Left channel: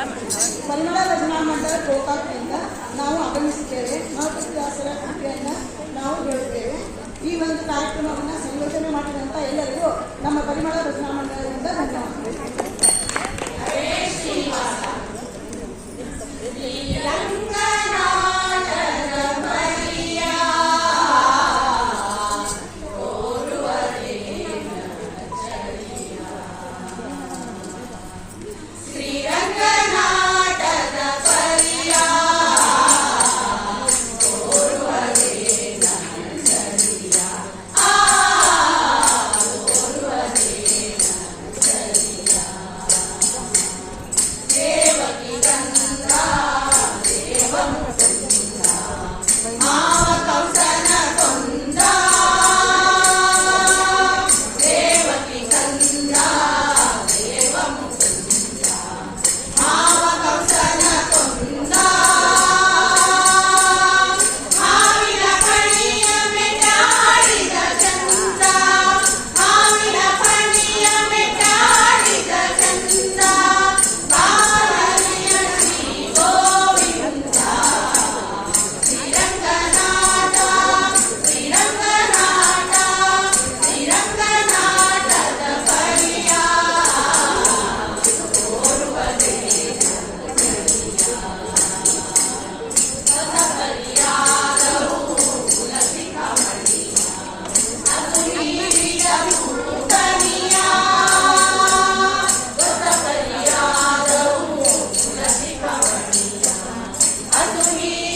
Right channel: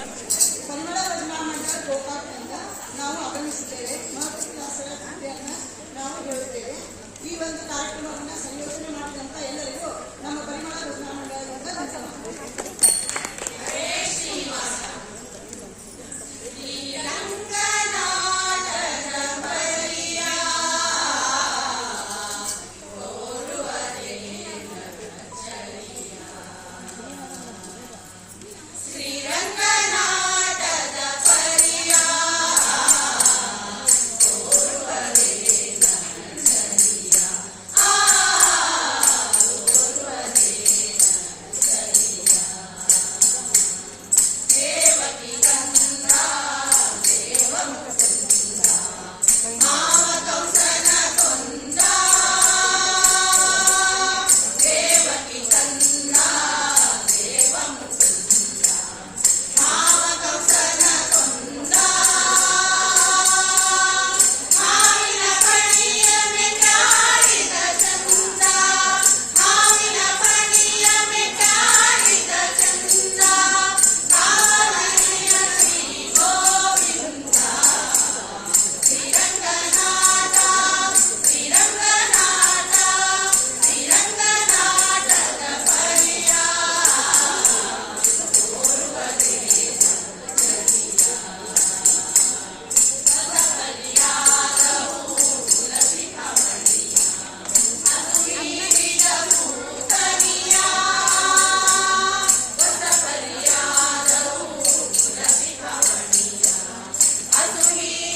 ಪರಿಮಳ ಭಜನಾ ಮಂಡಳ ಗೋಕಾಕ್ನಿಂದ ನಾವು ಆಗಮಿಸಿದ್ದೇವೆ ಮಹತ್ವದಾಸರ ಕೃತಿಯನ್ನು Ai,